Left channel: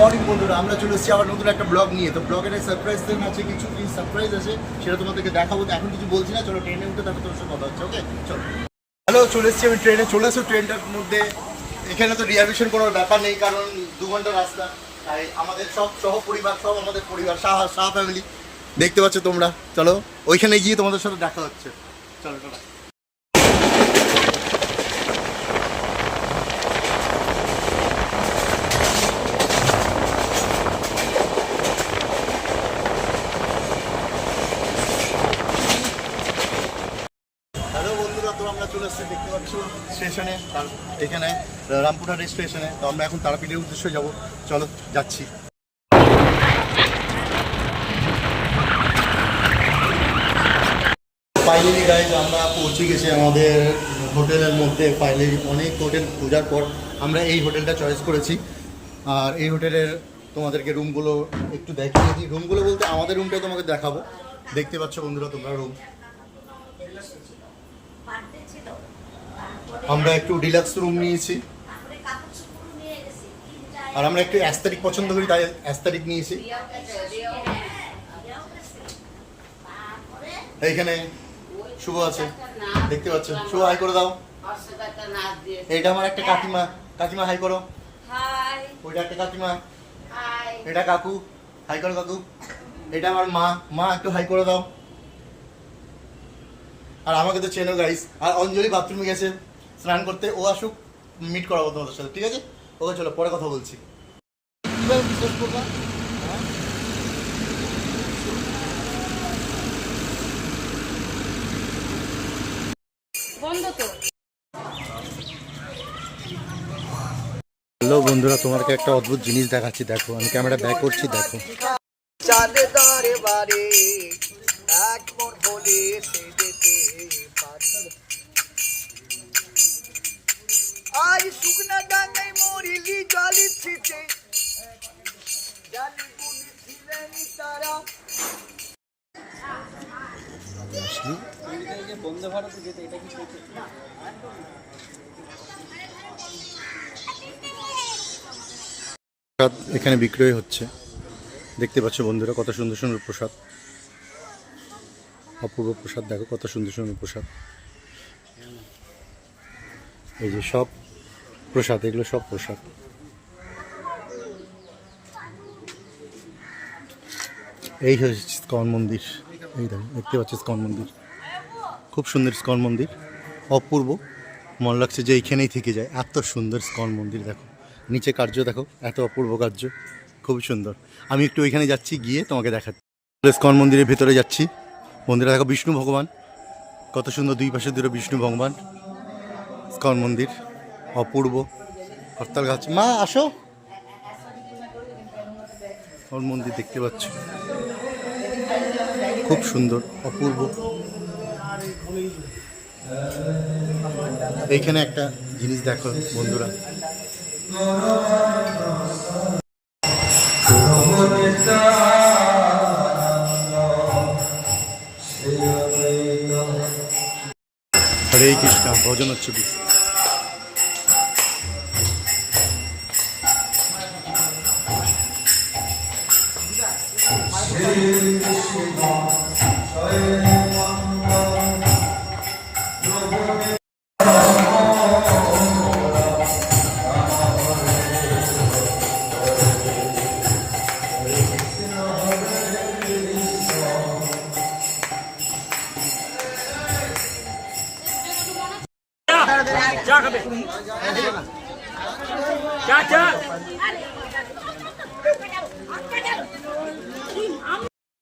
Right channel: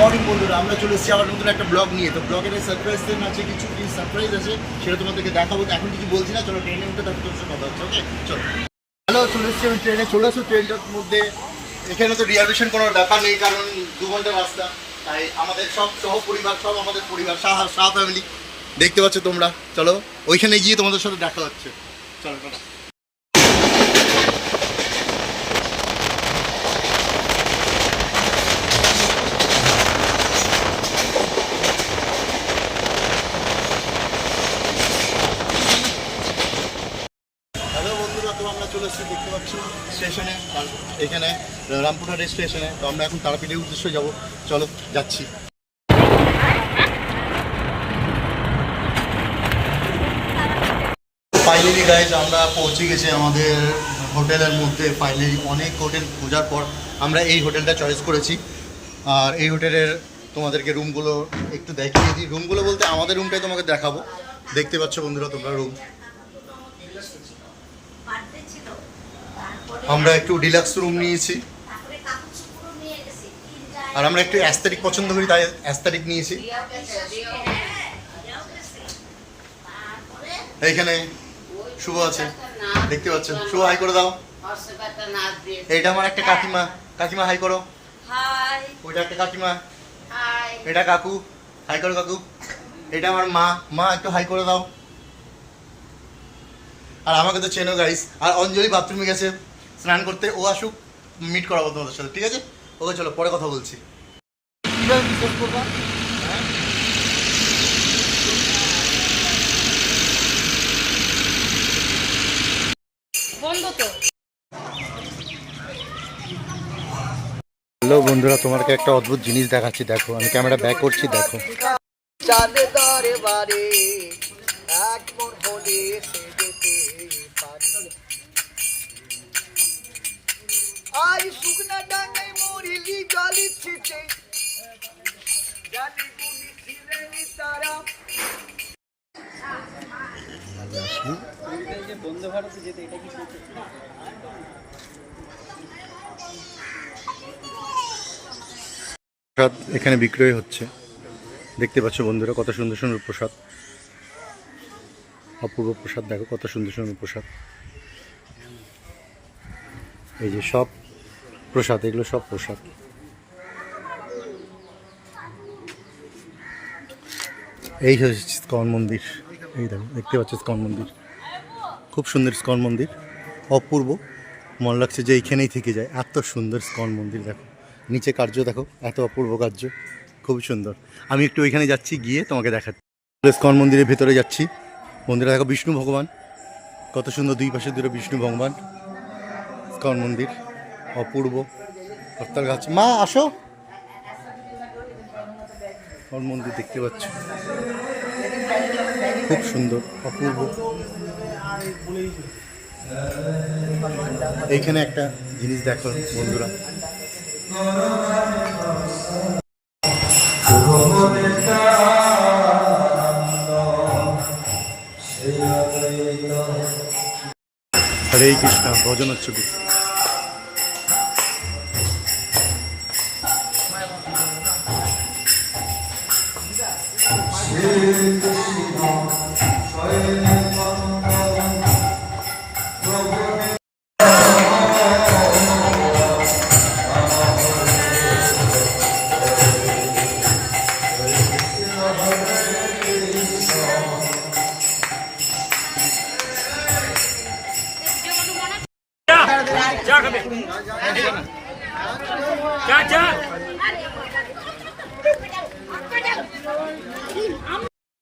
Morning বন্ধুরা, আমরা চলে এসেছি আবার নতুন একটা ব্লগ নিয়ে। তো ব্লগের সারপ্রাইজ আছে, কিছু সারপ্রাইজ আছে, সেটা তোমাদেরকে দেখাবো। এখন কিছু বলছি না, চলো ট্রেনে উঠে তারপর তোর সাথে কথা হচ্ছে। ওকে চলো। হ্যালো, চলে এসেছি আমি ট্রেনে। চলে আসো ট্রেনটার মধ্যে। এখানে তো রিজার্ভেশন কোনো ব্যাপার নেই, কারণ 2 ঘন্টা রাস্তা। তাই আমাদের সব পরিবার, সব আমাদের পরিবার, শাহ ফ্যামিলি দেখতে পাচ্ছ তোমরা। চলো ওইখানে গিয়ে তোমাদের সাথে দেখা হচ্ছে। চলো চলো। হ্যালো বন্ধুরা, তো আমরা চলে এসেছি দেখতে পাচ্ছ স্টেশনে, এখানে রামপুরহাট স্টেশনে। তো আমরা এখন তারাপীঠের উদ্দেশ্যে যাব। চলো যাচ্ছি। ফাইনালি গাইজ আমরা পৌঁছে গেছি আমাদের হোটেলের মধ্যে। ফাইনালি অনেক হোটেল খোঁজার পর আমরা এই হোটেলটা চয়েস করেছি। আর এই হোটেলের তোমাদেরকে রুমগুলো একটু দেখিয়ে দিই। রুমগুলো বলতে আমাদের রুমটাই তোমাকে দেখাবো। দেখতে পাচ্ছ বন্ধুরা তোমরা রুম। আমরা একটু ডিলাক্স রুম নিয়েছি, আর আমরা একটু অ্যাস্থেটিক পছন্দ করি, তাই অ্যাস্থেটিক নিয়েছি। এইখানে শুভ আছে, দেখতে পাচ্ছ। শুভ হাই করে দাও। এইটা আমার একটা কাকিমা। কাকিমা হাই করো। ওইটা একটা কাকিমা। এটা কাকু, হাই করো কাকু। এটা আমার মা। মা একটু হাই করে দাও। আর আমাকে তো চেনো গাইস। আর অঞ্জলি বাথরুমে গেছে স্নান করতে, ও আসুক, মিট করাবো তোমাদের সাথে, ঠিক আছে? ওকে চলো, পরে কথা বলছি। হ্যালো বন্ধুরা, তোমাকে একটা অদ্ভুত জিনিস দেখাচ্ছি, দেখো। আমি ক্যামেরা ব্যাক করছি, দেখো। আজ শুকনা ডাঙ্গায় মরিলি জলি ছিটে জানি গুলি ছিলেন তারা। বন্দে ভারতে যেতে এটা কি প্রসাদ এখানে বিক্রয় হচ্ছে, দেখতে পাচ্ছ বন্ধুরা। কত সুন্দর সুন্দর প্রসাদ, অপূর্ব প্রসাদ। দেখো কত সুন্দর সুন্দর প্রসাদ। এই যে সব প্রসাদ, এগুলো সব প্রসাদ। এই হচ্ছে ইস্কন মন্দির। এই দেখো, দেখতে পাচ্ছ ইস্কন মন্দির। খুব সুন্দর ইস্কন মন্দির, অপূর্ব। মনে লাগছে যে এইখানেই থেকে যায়, এত সুন্দর ইস্কন মন্দির। দেখো নিচে কার্য, দেখো এত অপূর্ব কার্য, খুবই সুন্দর। আমি একটু ওইখানে যাচ্ছি, গিয়ে তোমাকে দেখাচ্ছি। ইস্কন মন্দিরের ভেতরে যাচ্ছি বন্ধুরা। দেখো বিষ্ণু ভগবান, কত সুন্দর। দুই পাশে দুটো বিষ্ণু ভগবান। ইস্কন মন্দির অপূর্ব। হরতাল গাছ। মা আসো। ইস্কন মন্দির দেখতে পাচ্ছ, খুব সুন্দর, অপূর্ব। এইখানে একটা জিনিস দেখো বন্ধুরা। হরে কৃষ্ণ, ভজন হচ্ছে।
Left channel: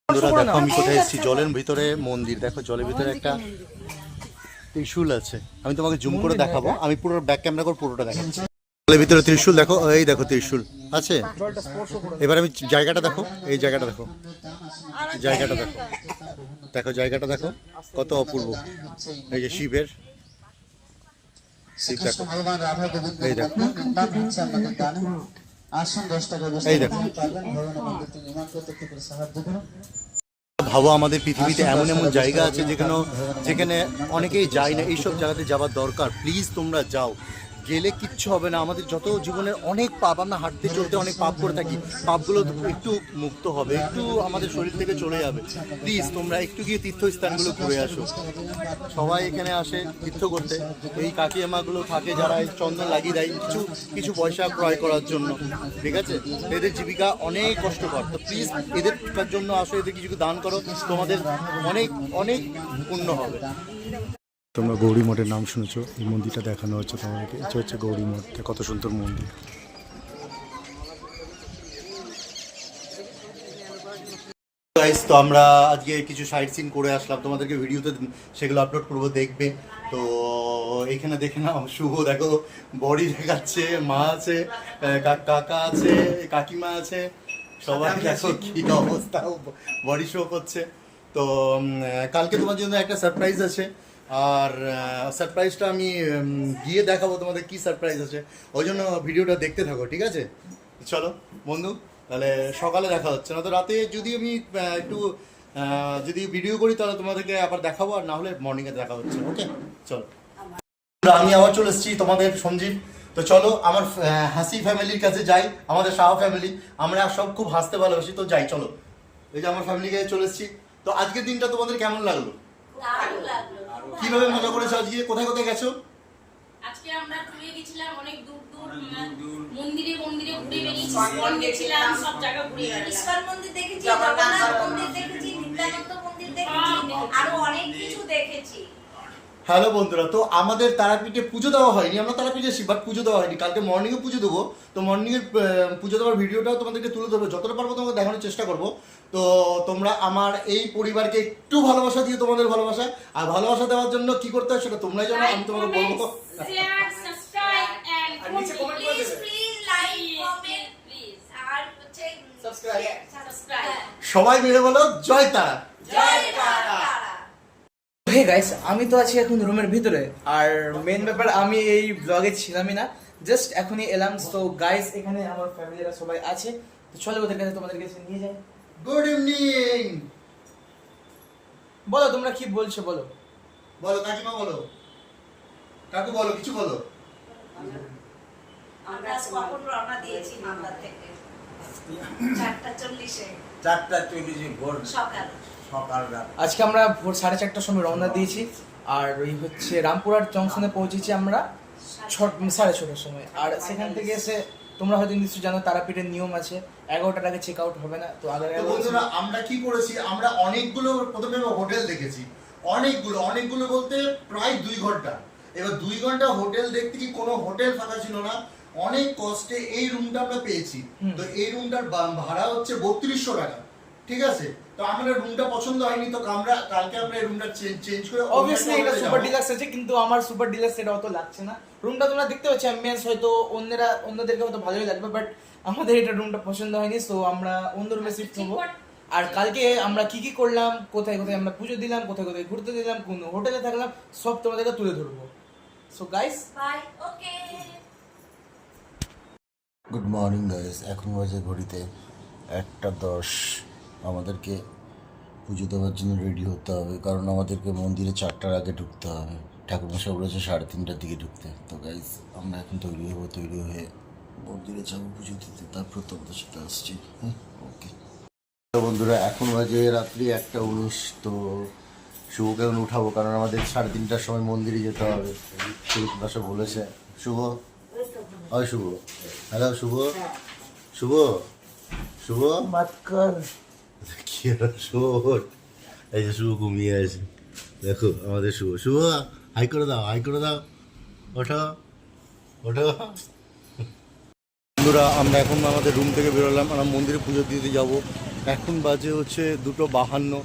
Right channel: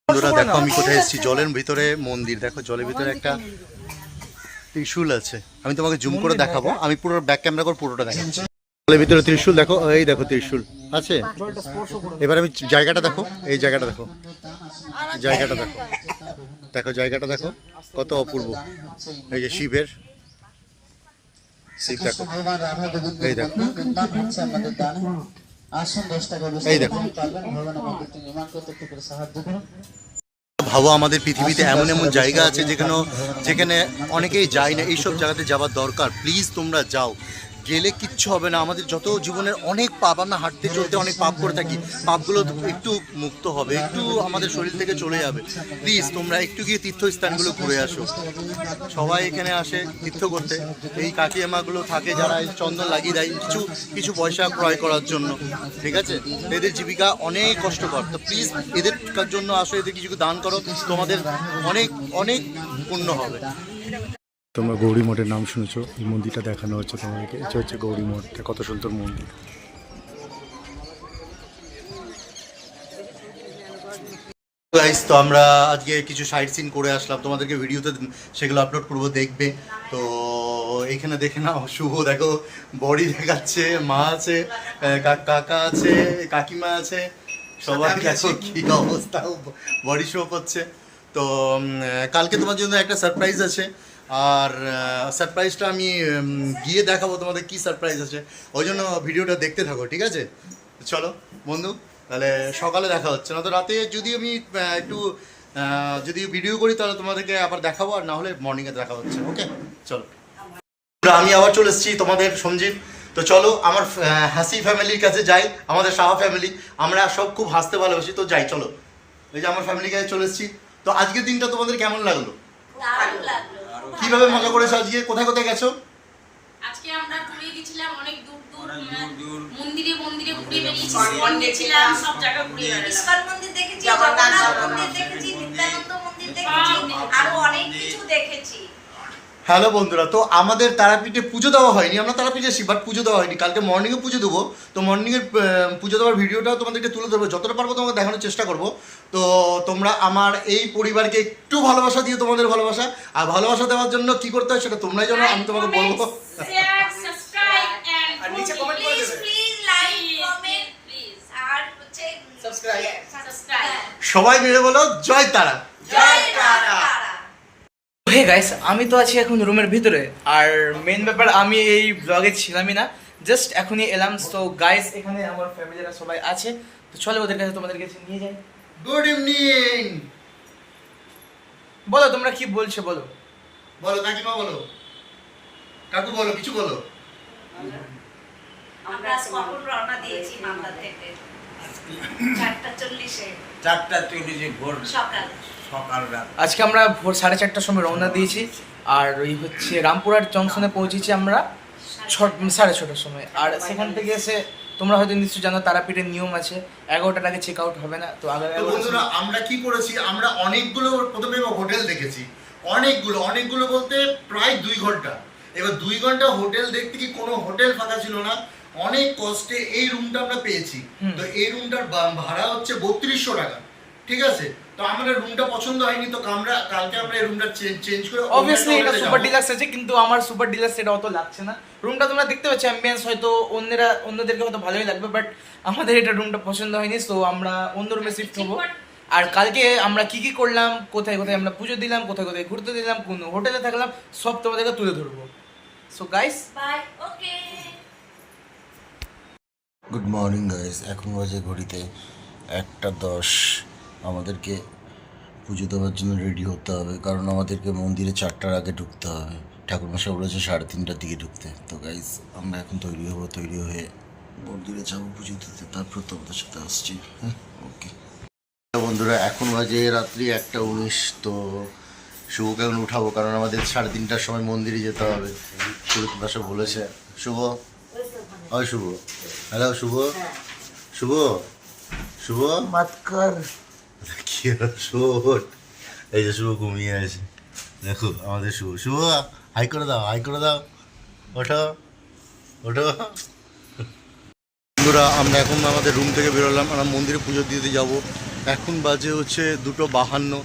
বন্ধুরা দেখো আমি কোথায় এসেছি। জলের ভিতরে মন্দির। দেখো জলের ভিতরে একটা ত্রিশূল আছে। আমি তোমাকে জুম করে দেখাবো। আমি পুরো ব্যাক ক্যামেরা করে পুরোটা দেখাচ্ছি। জলের ভিতরে ত্রিশূল দেখো, এই দেখো ত্রিশূল আছে। এবার আমি জায়গাটা দেখো, এই জায়গাটা দেখো, জায়গাটা দেখো, দেখো জায়গাটা দেখো কত অপূর্ব। এই যে শিবের, শিব দেখো, এই দেখো, এই দেখো। ভাবো আমাদের পৃথিবীতে এমন এমন জায়গা আছে যেখানে অনেকেই যায় না। এইসব জায়গাতে যাওয়ার দরকার। প্লিজ তোমরা যাও, গেলে কিচ্ছু হবে না। আমাদের যত জীবনের অনেক পাপ, আমরা হাঁটতে চলতে অনেক পাপ করে থাকি, পাপগুলো একটু মুক্ত হবে, একটু আমাদের শরীর থেকে চলে যাবে। প্লিজ তোমরা একটু গিয়ে তীর্থস্থানগুলো ঘুরে আসো। সবাই এখানে আসে তীর্থ করতে। এই কাকিমাগুলো থাকে যারা এই চন্দন লাগিয়ে দেয় কিছু কিছু পয়সা ক্রয় করার জন্য, ঠিক আছে? এদের জীবিকা অনেক কষ্টকর। তো প্লিজ এদের জন্য আসো, এদের কিছু দান করো, তোমাদের অনেক অনেক পুণ্য হবে। তোমরা গৌরী মঠের নাম শুনেছো, এই মন্দিরটা দেখানো হচ্ছে তোমাদেরকে। এটা হচ্ছে গৌরী মঠটা, কত সুন্দর মন্দির। গাইস, তো আমরা আজকে কিছু সাইট সিন করে আসলাম, তোমাদেরকে ভিডিওতে সেগুলো আপলোড করবো, দেখবে। তো এইখানে দেখে নাও, শুভ দেখো বডি দেখাচ্ছে, মা আছে, কাকা আছে, কাকিমা আছে, সবাই দেখো কি অবস্থা, বডি শো করছে। তো কালকে তোমার জন্য একটা সারপ্রাইজ আছে, আর সারপ্রাইজটা আমি গিয়ে দেখাবো তোমাদের কি সারপ্রাইজ আছে, ওই জন্য ভিডিওটা দেখতে থাকো, ঠিক আছে? চলো বন্ধু, তাহলে সকালে দেখা হচ্ছে, না তো রাতে যদি আমি একটু যদি ভিডিও করি তাহলে তোমাদেরকে আবার দেখাবো, আর না হলে মর্নিংয়ে দেখা হচ্ছে। ওকে, চলো। আমি আবার চলে এসেছি তোমাদের সঞ্জীব। তো চলো আমার হাসি ফ্যামিলির কাছে যাই, আমাদের সাহা ফ্যামিলি, আমরা সব খুব হাসতে ভালোবাসি, তো যাই চলো। এই যে আমার ফ্যামিলির কাছে চলে এসেছি। তো আজকের দিনটা তোমাদের কেমন লাগলো? দারুণ লাগলো। কিভাবে মজা করেছো আজকে? কোথায় কোথায় গেছো? আজকে আমরা ঘুরে গেছিলাম অনেক দূর দূর, মন্দিরে মন্দিরে ঘুরে বেরিয়েছি, ইস্কন গেছিলাম, সব জায়গা ঘুরে বেড়ালাম। ইস্কন মন্দির দেখেছি, জগন্নাথ মন্দির দেখেছি, নিত্যানন্দ মন্দির দেখেছি, আরো অনেক কিছু দেখেছি। হ্যালো বন্ধুরা, তো আমাদের তারাপীঠে পুজো দেওয়া হয়নি, আমরা তারাপীঠে এসেছি, বাট পুজো দেওয়া হয়নি। কালকে মর্নিংয়ে পুজো দেবো, তো মর্নিংয়ের পুজো দেওয়ার ভিডিওটাও তোমাদেরকে তুলে ধরবো, যতটা পারবো তোমাকে দেখানোর চেষ্টা করবো। তো তোমরা আমার এই পরিবারকে একটু ভালোবাসা দিয়ে, তোমাদের ভালোবাসা আর ভালোবাসা দেওয়ার জন্য কি করতে হয় সেটা তোমরাই জানো, আমি তোমাকে বলবো। শেয়ার, সাবস্ক্রাইব আর নিচে কমেন্ট করে প্লিজ দেবে। প্লিজ লাইক কমেন্ট প্লিজ আর হচ্ছে সাবস্ক্রাইব। সাবস্ক্রাইব। সবাই মিলে বলো জয় তারা। জয় তারা। হে গাইস, আমি তো আছি এখন রুমের ভিতরে, আর মেন ব্যাপার আমি এই ব্লগে ছিলামই না, জাস্ট এখনই এলাম। তো গাইস, এখানে আমার ফ্যামিলিরা সবাই আছে, তো চলো ওদের কাছে তোমাদের কাছে নিয়ে যাই। Good evening. বলো তোমরা কি বলছো, বলো। বলো কাকিমা, বলো কাকু, বলো কিছু বলো। আমরা কখন রওনা দিয়েছি মালদা থেকে? 4:40-এ 4:40 ভোর সকাল। সকাল রাত। আজকে আমরা ভোর 4:30টার সময় রওনা দিয়েছি, আর ওই হচ্ছে রামপুরহাট জংশনে পৌঁছেছি আমরা 6:30টার সময়। আর সেখান থেকে এসে তোমরা হয়তো নিশ্চয়ই জানো তারাপীঠের নিয়ম আছে, 11টার আগে চেক আউট হবে না। তো আগে তো বন্ধুরা, আমরা কি করেছি, আমরা অনেকগুলো প্রথমে হোটেল দেখেছি, অনেকগুলো বলতে প্রায় 2 ঘন্টা। এবার 2 ঘন্টা হোটেল দেখতে কি কোনো হোটেল ফাঁকা ছিল না, অনেক কষ্টে এই রুমটা আমরা পেয়েছি। তো এই রুমটার ভাড়া হচ্ছে 3200 টাকা, ঠিক আছে? তো আমাদের রুমটা পছন্দ হয়নি, তো কালকে আমরা এই রুমটা চেঞ্জ করে অবভিয়াসলি এটা সুপার ডিলাক্স আছে, কিন্তু আমার সুপার ডিলাক্স এটা অত লাগছে না। রুমটা তোমরা দেখতে পাচ্ছ, অ্যাম্বিয়েন্স হয়তো অন্যদেরকে হয়তো ভালোই লাগবে, বাট আমাদের এটা রুমটা পছন্দ হয়নি, সো আমরা অন্য রুমে শিফট হবো। আর কালকে আমরা কি কি করলাম, কোথায় কোথায় আমরা পুজো দিলাম, কোথায় কোথায় ঘুরতে দিলাম, কোন হোটেলে থাকলাম, সব তোমাদেরকে তুলে ধরবো। So guys, bye. Okay. Good morning guys, এখন বাজে ঘড়িতে 1:10। আমাদেরকে পুজো দেওয়ার জন্য রেডি হতে হবে, কারণ আমাদেরকে মন্দিরে 4টার আগে ঢুকতে হবে। ঠাকুরমশাই বলেছে 3:30টার দিকে ঢুকতে। তো গাইস, আমরা এখন তৈরি হয়ে মন্দিরে যাবো পুজো দিতে, তারপর তোমাদের সাথে আসছি। হ্যাঁ, ওকে বন্ধুরা, এখন বাজে রাত্রি 1:19। তো শুভকে এখন উঠাবো, কারণ আমাদের 3:30টার সময় মন্দিরে যেতে হবে। সুরতদাসও বলেছে। শুভ, ওই শুভ, হ্যালো শুভ, শুভ শুভ মাতকর কি হলো? শুভ, এই যে শুভ ঘুমিয়ে আছে, দেখো আমাদের শুভ। হাই করে দাও, ওঠো। বন্ধুরা, আমরা এখন আমাদের রুম থেকে বেরোলাম, আমরা মন্দিরে পুজো দিতে যাব। এখন বাজে হচ্ছে 2:52।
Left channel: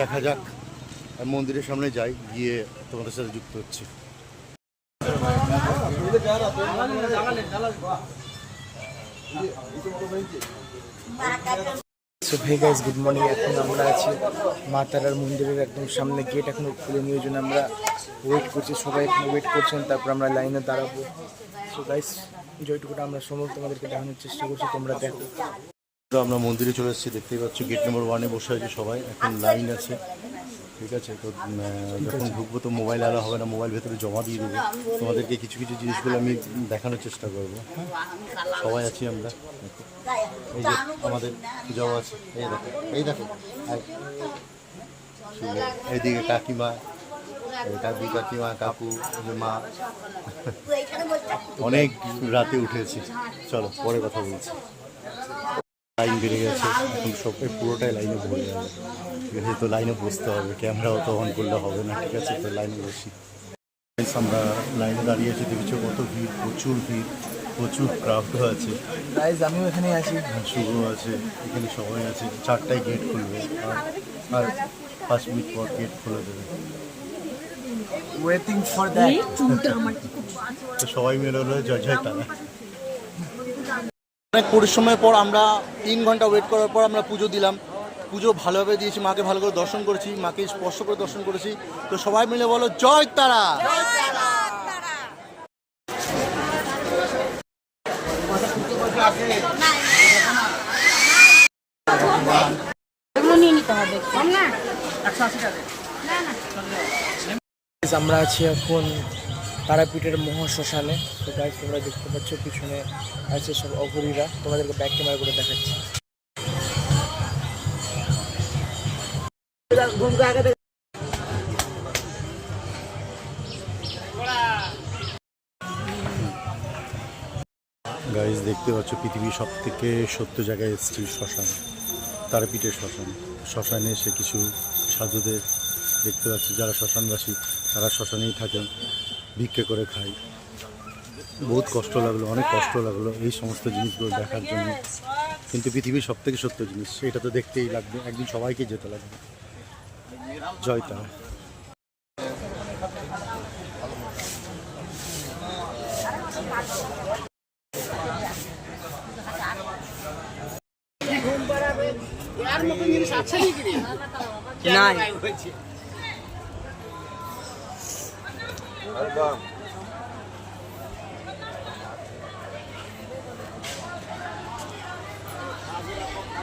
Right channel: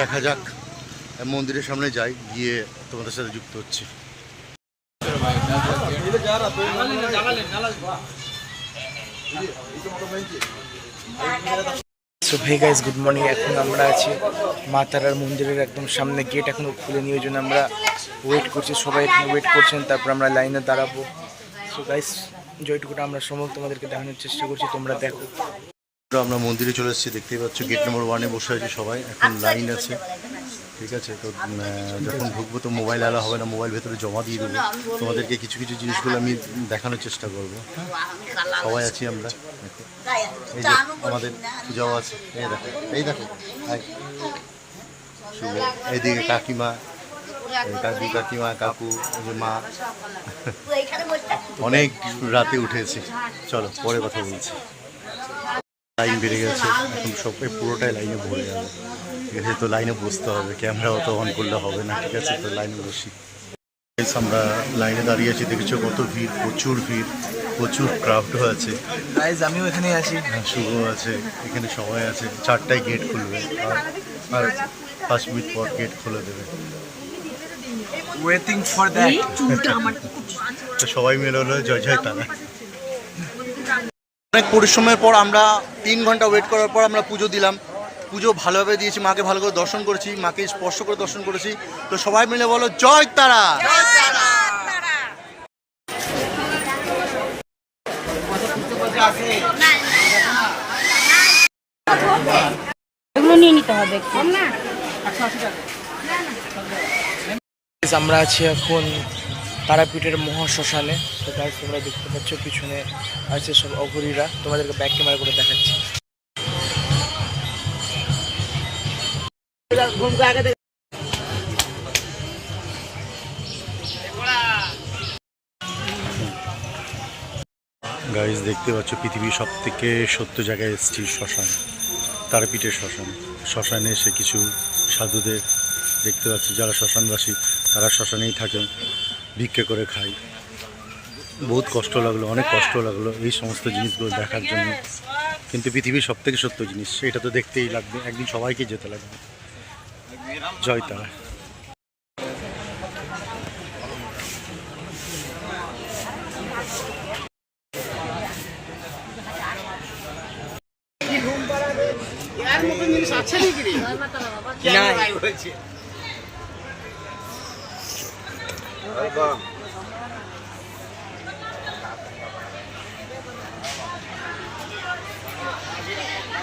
দেখা যাক, মন্দিরের সামনে যাই, গিয়ে তোমাদের সাথে যুক্ত হচ্ছি। So hey guys, good morning. এখন আমরা আছি মা তারার মন্দিরের একদম সামনে, গেট এখনো খুলে ওই জন্য আমরা ওয়েট করছি, সবাই এখানে ওয়েট করছেন, তারপর আমরা লাইনে দাঁড়াবো। সো গাইস, যেটুকুটা আমরা সমস্ত তোমাদেরকে দেখানোর চেষ্টা করছি, তোমরা দেখো। আমরা মন্দিরে চলে এসেছি, দেখতেই পাচ্ছ গেট নম্বর 1-এ বসে আছে সবাই, এখন লাইন আছে। ঠিক আছে। তো যখন ঢুকবো তো মোবাইল অ্যালাউ হবে না, মোবাইল ভেতরে জমা দিয়ে দেবো। তোমাদেরকে কিছু কিছু জিনিসগুলো আমি দেখানোর চেষ্টা করবো। হ্যাঁ, সবাই আছি আমরা। দেখো এই যে আমাদের পূজাও আছে, এই দেখো, এই দেখো শুভ, এইদিকে কাকিমা, কাকিমা, কাকু, এই যে মা। অনেক রাতে উঠেছি, চলো পরে কথা বলছি। লাইন বেড়ে গেছে এখন, সব পুরোটাই লাইনে ভরে যাবে। ঠিক আছে, তো লাইনে বসতে হবে, ক্যামেরা অত অন করলে হবে না। ঠিক আছে, তো লাইনে বসি। আমরা লাইনে দাঁড়িয়ে আছি, দেখেছো কত ভিড়, প্রচুর ভিড়, প্রচুর ক্রাউডও আছে। আমিও এখানে আছি। হ্যাঁ, শুভ আছে, এখানে সবাই আছে। 4টায় গেট খুলবে, আর 5 মিনিট পর গেট খুলে দেবে। Waiting for that. তো সবাই মিলে হলো জয় জয় তারা। অনেক পরিশ্রমের পর আমরা 3 ঘন্টা ওয়েট করার পর আমরা পুজো দিলাম। পুজো ভালোভাবে দিয়েছি, মাকে ভালো করে দর্শন করেছি, মাকে স্পর্শ করে দর্শন করেছি। তো সবাই মিলে বলো জয় তারা। আমরা আছি এখন তারাপীঠের মহাশ্মশানে। তো গাইস তোমরা দেখতে পাচ্ছ পিছনে আছে সব অঘরীরা, তোমাদেরকে ব্যাক ক্যামেরা করে দেখাচ্ছি। গাইজ দেখতে পাচ্ছ পৃথিবীর সব থেকে সত্য জায়গায় এসেছি, শ্মশান, তারাপীঠের শ্মশান। শ্মশানে এসে কিছু সাধুদের দেখতে পাচ্ছি, যারা শ্মশানবাসী তারা শ্মশানেই থাকেন, ভিক্ষে করে খায়। বহুত কষ্ট লাগলো, অনেক কষ্ট লাগলো এই সমস্ত জিনিসগুলো দেখার জন্য। কিন্তু পৃথিবীর সব থেকে সত্য জিনিস, এটা তো দেখতেই লাগবে, একদিন সবাইকে যেতে লাগবে। জয় তারা।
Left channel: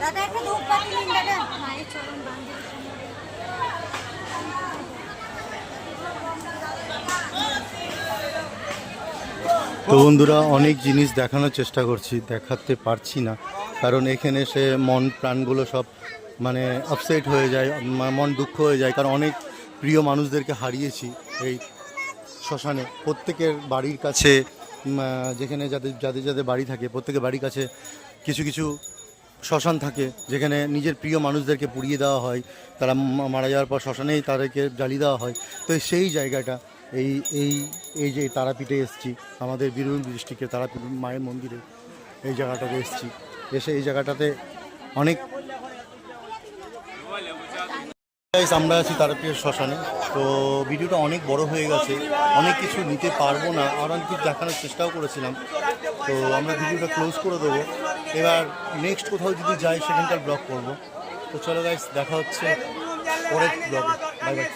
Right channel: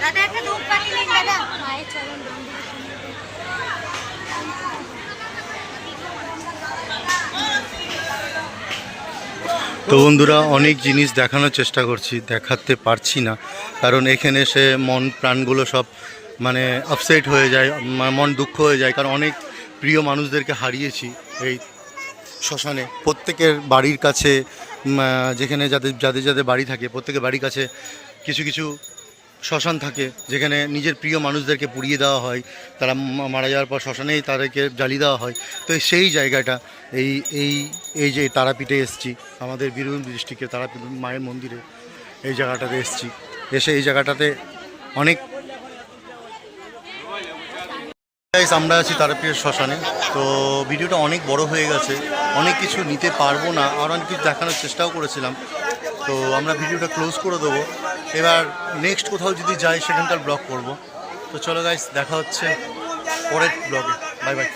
দাদা একটা ধূপ পাখি নিন দাদা। তো বন্ধুরা, অনেক জিনিস দেখানোর চেষ্টা করছি, দেখাতে পারছি না, কারণ এখানে এসে মন প্রাণগুলো সব মানে আপসেট হয়ে যায়, মন দুঃখ হয়ে যায়। কারণ অনেক প্রিয় মানুষদেরকে হারিয়েছি এই শ্মশানে। প্রত্যেকের বাড়ির কাছে, যেখানে যাদের যাদের যাদের বাড়ি থাকে, প্রত্যেকের বাড়ির কাছে কিছু কিছু শ্মশান থাকে, যেখানে নিজের প্রিয় মানুষদেরকে পুড়িয়ে দেওয়া হয়। তারা মারা যাওয়ার পর শ্মশানেই তাদেরকে জ্বালিয়ে দেওয়া হয়। তো সেই জায়গাটা এই এই এই যে তারাপীঠে এসেছি, আমাদের বীরভূম ডিস্ট্রিক্টের তারাপীঠ মায়ের মন্দিরে, এই জায়গাটাতে এসেছি। এসে এই জায়গাটাতে অনেক আমরা আছি তারাপীঠের শ্মশানে। তো ভিডিওটা অনেক বড় হয়ে গেছে, অনেক কিছু নিতে পারবো না, আর অনেক কিছু দেখানোর চেষ্টাও করেছিলাম। তো আমরা ভিডিওটা ক্লোজ করে দেবো। এবার নেক্সট কোথাও যদি যাই সেখানকার ব্লগ করব। তো চলো গাইস, দেখা হচ্ছে পরের ব্লগে। Bye bye.